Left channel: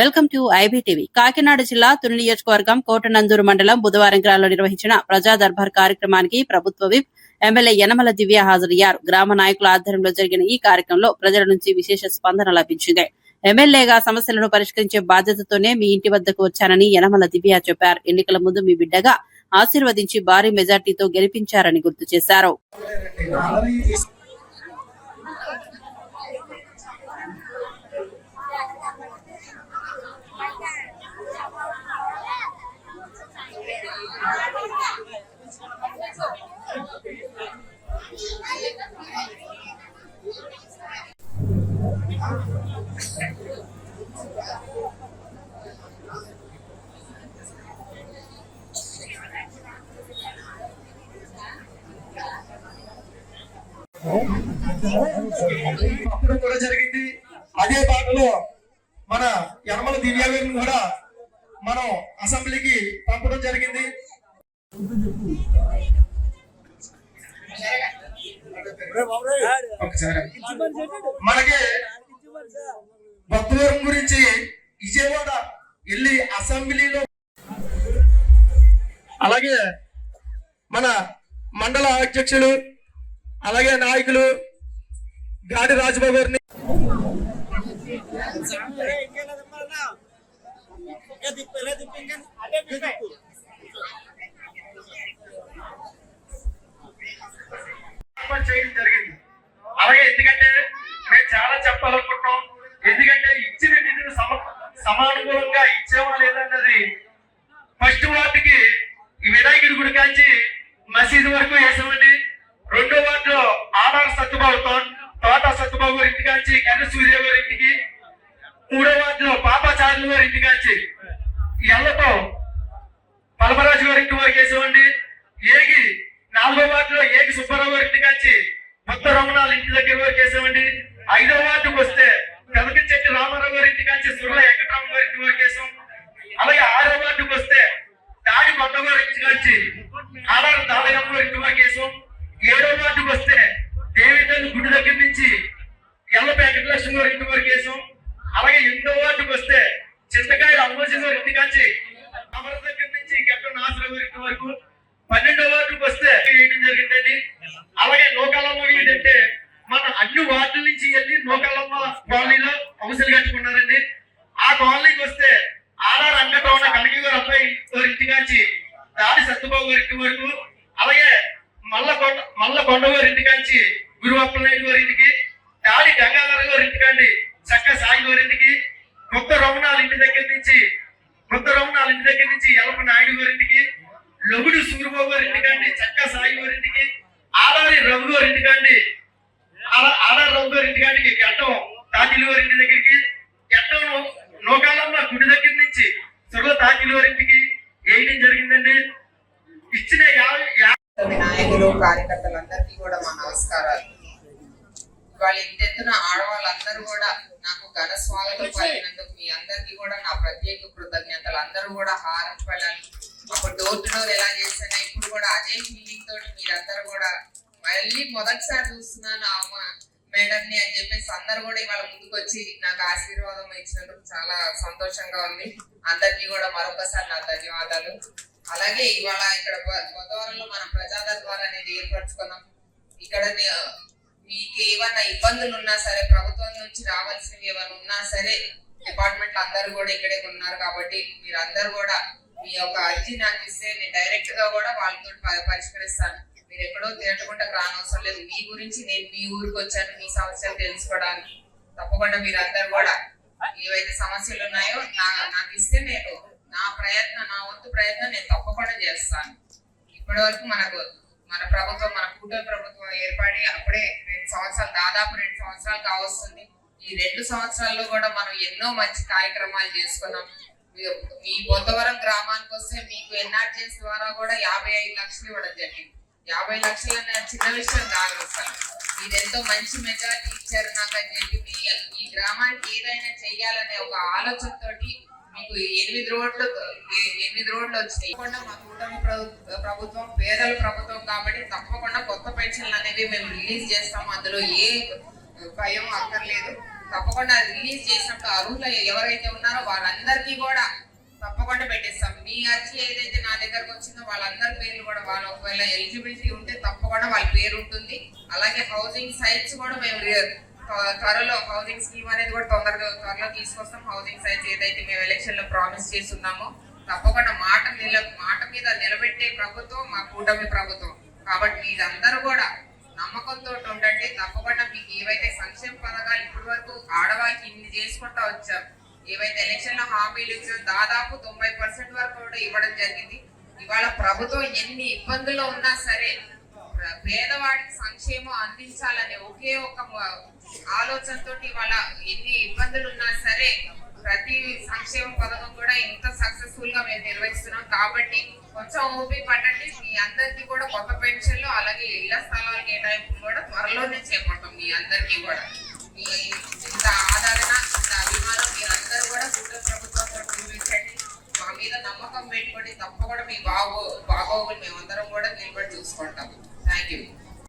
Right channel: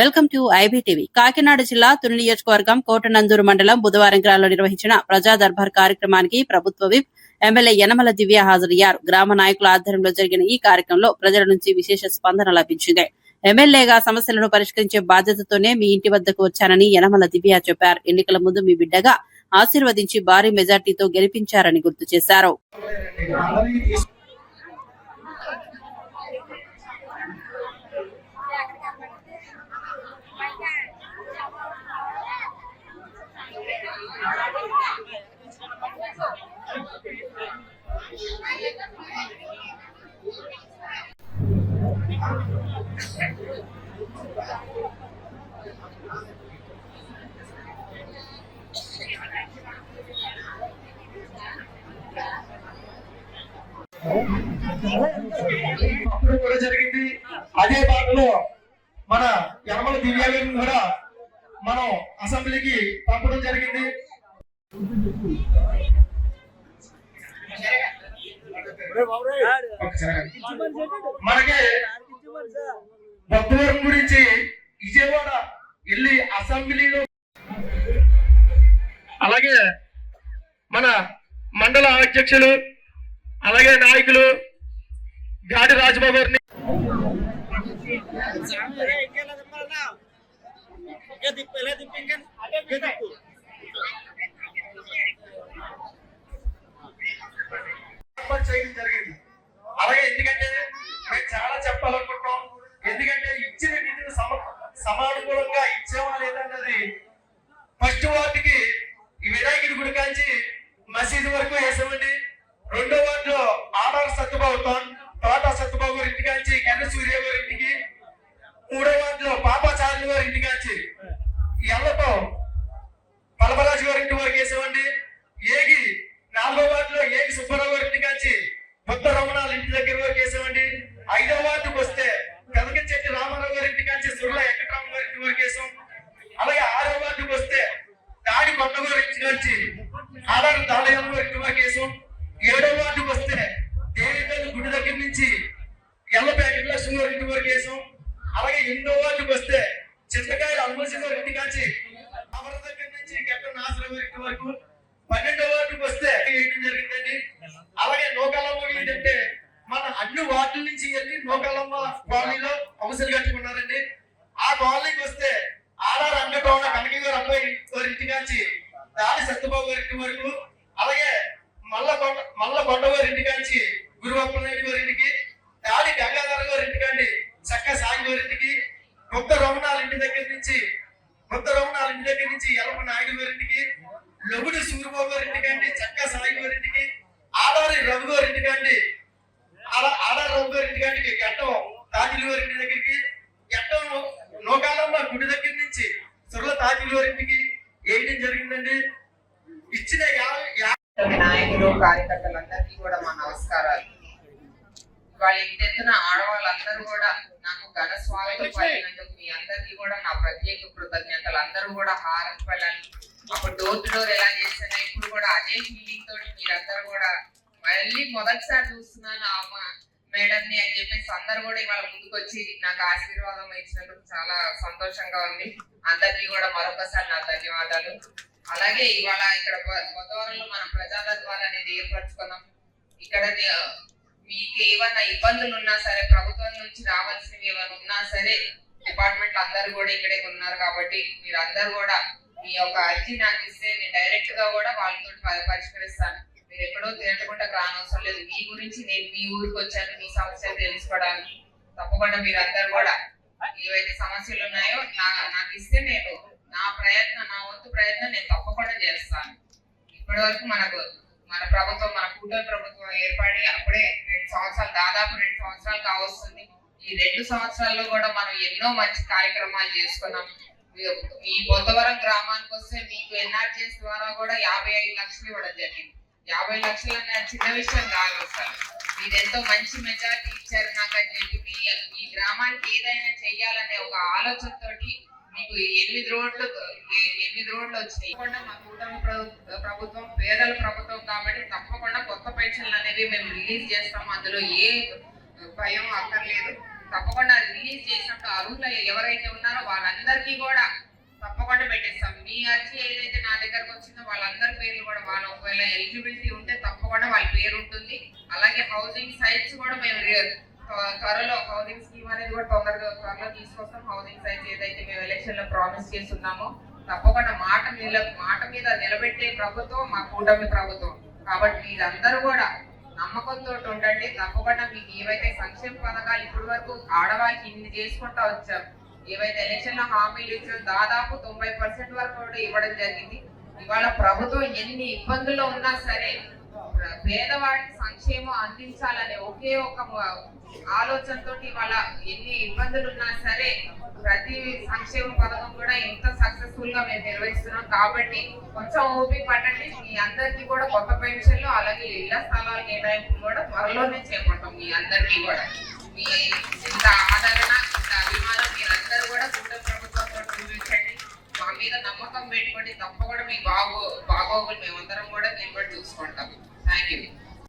Welcome to IBTV. Kakinada జిల్లా తుని నియోజకవర్గం కోటనందూరు మండలం బుధవారం గ్రామంలో నిర్వహించిన ప్రజా దర్బార్ కార్యక్రమానికి ప్రభుత్వ విప్ ఎమ్మెల్యే యనమల దివ్య హాజరయ్యారు. గ్రామ నాయకుల ఆధ్వర్యంలో జరిగిన ఈ కార్యక్రమంలో ప్రజల నుంచి విశేష స్పందన లభించింది. ఎమ్మెల్యేగా సమస్యలను పరిష్కరించే బాధ్యతతోనే మీ ఇంటి వద్దకు వచ్చానని యనమల దివ్య చెప్పారు. ఎన్నికల ముందు మీ బిడ్డగా ఆశీర్వదించి భారీ మెజార్టీతో గెలిపించారని గుర్తు చేశారు. అప్పుడు కూడా జరిగింది. అదే భాగంలో మన యనమల దివ్య గారిని కూడా మనం అసెంబ్లీకి పంపడం జరిగింది. మనకి భక్తుల గురించి విజయవాడ వెళ్ళి అసెంబ్లీలో అలాగే మన మండల అధ్యక్షులు అలాగే నాయకులు గాడి రాజబాబు గారిని చేయడం జరిగింది. అలాగే ఎందుకంటే మేము చాలా చెప్పాలనుకుంటాం. ఎందుకంటే ఇచ్చిన నిధులు సమానుకూలంగా ఇచ్చామా లేదన్నది ఫస్ట్ వార్డుకి ఈ వినాయకుడి గుడి కాంచి మసీదు వరకు వేసామండి. రెండో వార్డులో ఆర్ఆర్ సత్యబాబు తోట సత్యబాబు గారి ఇంటి కాంచి కన్న సూర్య గారి ఇంటికి, మూడో వార్డులో పాపాచార్యుల గారి ఇంటి కాంచి ఎల్లతో పలమరాజు గారి ఇంటి వరకు వేసామండి. ఏగి నాలుగో వార్డులో ఏగి సుబ్బారావు గారి ఇంటి కాంచి కొత్త రమణాల ఇంటి దగ్గర వరకు వేసామండి. ఐదో వార్డుకు వస్తే పెదకంచెట్టి రామారావు గారి ఇంటి కాంచి సుర్ల వెంకటరామ గారి ఇంటి వరకు వేసాం. అలాగే ఆరో వార్డుకు వస్తే దాడి కొండ గారి ఇంటి కాంచి ఆధార్ దాలయం గారి ఇంటి వరకు వేసాం. ఏడో వార్డుకు వస్తే దేవితల్లి గుడి దగ్గర నుంచి ఎల్లప వెంకటలక్ష్మి గారి ఇంటి వరకు వేసాం. అలాగే 8వ వార్డుకు వస్తే చింతకాయ అమ్మోజీ గారి ఇంటి కాంచి అమర దగ్గర నుంచి గట్ట నాసరావు గారి ఇంటి వరకు. 12వ వార్డుకు వస్తే వేయడం జరిగిందండి. అలాగే నోకలమ్మ ఏంటంటే మన అన్ని వార్డుల నుంచి వెళ్ళి నోకలమ్మ కాలనీలో అవసరం కట్టుకున్నారండి. ఆ కాలనీకి వస్తే ఆర్ఆర్ రంగటోన కనకి గారి అబ్బాయి గారి ఇంటి కాంచి దాడి సత్యబాబు గారి ఇంటి వరకు. అలాగే మల్ల కొండ గారి ఇంటి కాంచి గురువప్పనాయుడు గారి ఇంటికి, దాడి గంగాధర గారి ఇంటికండి చక్క సాగి గారి ఇంటికి, కొత్త రమణాల ఇంటి దగ్గర నుంచి ఎల్లప్ప నాయుడు గారి ఇంటికి, లొగుడు సూర్యబాబు గారి ఇంటికండి చక్క సాగి గారి ఇంటికి, ఆడారి రఘు గారి ఇంటికండి గట్టం తాకిలి గారి ఇంటి దగ్గరికి, గట్టం నోకాలమ్మ గుడి దగ్గర నుంచి సుర్ల తాకిలి గారి ఇంటికి వేయడం జరిగిందండి. ఇచ్చిన నాయకులు కార్యకర్తలందరికీ కూడా మా నమస్కారాలు. వాళ్ళ ఇంటెత్తున ఆడవాళ్ళందరూ కూడా నాకు ఘన స్వాగతం పలికినందుకు మీ అందరికీ కూడా నా ప్రత్యేక కృతజ్ఞతలు. అందరూ కూడా హారతి పళ్ళాలి. అప్పుడు డోర్ టు డోర్ ఎలా చేసినా ఇప్పుడు కూడా అదే ఫీలింగ్ తోటి మీరందరూ కూడా మళ్ళీ మొదటిసారి చూస్తున్నాను అమ్మ మేడంని అని చెప్పేసి అందరూ కూడా ఇవాళ ముందుకు వచ్చి నాకు ఆశీర్వాదం ఇచ్చినందుకు చాలా సంతోషంగా ఉంది. అందరికీ కూడా మరొకసారి నా ధన్యవాదాలు. అలాగే ఇవాళ ఇక్కడ బుధవారంలో మనం ప్రజా దర్బార్ అనేది ఏర్పరచుకున్నాం. ఇక్కడ మీకు ఏమైనా ఇబ్బందులు ఉన్నా సరే, ప్రభుత్వం నుంచి రావాల్సినవి ఏమైనా ఉన్నా సరే, డిపార్ట్మెంట్ అందరూ కూడా ఇక్కడే ఉన్నారు కాబట్టి మీరు అందరూ కూడా మీ యొక్క అర్జీ నాకు ఇస్తే నేను డైరెక్ట్ గా కూడా వాళ్ళతో పరిష్కరిస్తాను. మీరు ఎక్కడో తిరగకుండా రానవసరం లేదు. మీ గురించి నేను మీ ఊరికి వచ్చాను, మీ సమస్యలు తెలుసుకోవడానికి. తప్పకుండా మీరు అందరు కూడా ఏవైతే సమస్యలు ఉన్నాయో నాకు ఇస్తే నేను నా వంతు ప్రయత్నం నేను తప్పకుండా చేస్తాను. ఇప్పటి వరకు మన ప్రభుత్వం, మన కూటమి ప్రభుత్వం ఏర్పడి అప్పుడే 2 సంవత్సరాలు, దాదాపు 2 సంవత్సరాలు కావస్తుంది. ఈ 2 సంవత్సరాల్లో కూడా మనం ఎన్నో మంచి కార్యక్రమాలు చేసుకున్నాం. మీ బొద్దవరం గ్రామానికి వస్తే మీకు ఎన్ఆర్జీఎస్ ద్వారా కూడా 55 లక్షలు ఇవ్వడం జరిగింది. 50 లక్షలు అనే చిన్న విషయం కాదు సార్. మీరు ఎంతో మంచి మెజారిటీ ఇచ్చారు నాకు అని చెప్పి మీ గ్రామానికి ఏదైనా చెయ్యాలనే ఒక ఆలోచనతోటి మీకు 8 రోడ్లు వచ్చినాయి. మా కూటమి ప్రభుత్వం పేదల ప్రభుత్వం కాబట్టి తప్పకుండా కొత్త పెన్షన్లు అనేవి మేము రిలీజ్ చేస్తాము. అందులో ఏ భయం అక్కర్లేదు. తప్పకుండా రిలీజ్ చేసినప్పుడు అర్హులు ఎవరైతే ఉన్నారో వాళ్ళందరికీ కూడా తప్పకుండా పెట్టిస్తాం. మీ అర్జీ ఏదైతే నా దగ్గరకు వచ్చిందో వాళ్ళందరి పేర్లు కూడా వాళ్ళు ఒకవేళ ఎలిజిబిలిటీ ఉంటే తప్పకుండా వాళ్ళ పేరు ఉంటుంది. అలాగే హౌసింగ్ సైట్స్ కూడా మేము త్వరలో హౌసింగ్ స్కీమ్ అనేది కూడా త్వరలో తీసుకొస్తాం. హౌసింగ్ సైట్స్ ఏదైతే మేము ఎలక్షన్ లో ప్రామిస్ చేస్తున్నామో తప్పకుండా మాట మీద నిలబెట్టే ప్రభుత్వం మా కూటమి ప్రభుత్వం. కాబట్టి మీరందరూ కూడా నమ్మకంతో ఉండండి. తప్పకుండా మీకు ఏవైతే సంక్షేమ పథకాలు ఇప్పటి వరకు ఆడవాళ్ళకి ఇన్ని చేసుకుంటా వచ్చారు, ఏవైతే ఎలక్షన్ లో హామీలు ఇచ్చారో దాదాపు 90% వరకు కూడా ఇవ్వడం జరిగింది. ఇవాళ ప్రభుత్వం ఎన్ని ఇబ్బందులు ఉన్నా సరే పేదవాడికి సంక్షేమం అందించాలనే ఒకే ఒక ఆలోచనతో ఇవాళ ఎన్ని ఇబ్బందులు ఉన్నా సరే ప్రతి సంక్షేమ పథకం కూడా ఇంత సక్సెస్ఫుల్ గా మేము నిర్వహిస్తున్నాం. కాబట్టి కొంచెం ఓపి పట్టండి. మీ అందరికీ కూడా కొత్త పెన్షన్లు అలాగే ఇళ్ల స్థలాల కేటాయింపులు కూడా త్వరలోనే చేపడతాం. మీ అందరికీ కూడా మీ ఇంత ఆదరణ ఇంత అభిమానం మీరందరూ కూడా కూటమి ప్రభుత్వంతో చూపించండి. మా మీద నమ్మకం పెట్టుకోండి. తప్పకుండా మీ బాగోగులు మేమందరం కూడా నిలబడి చూసుకుంటాం. Thank you.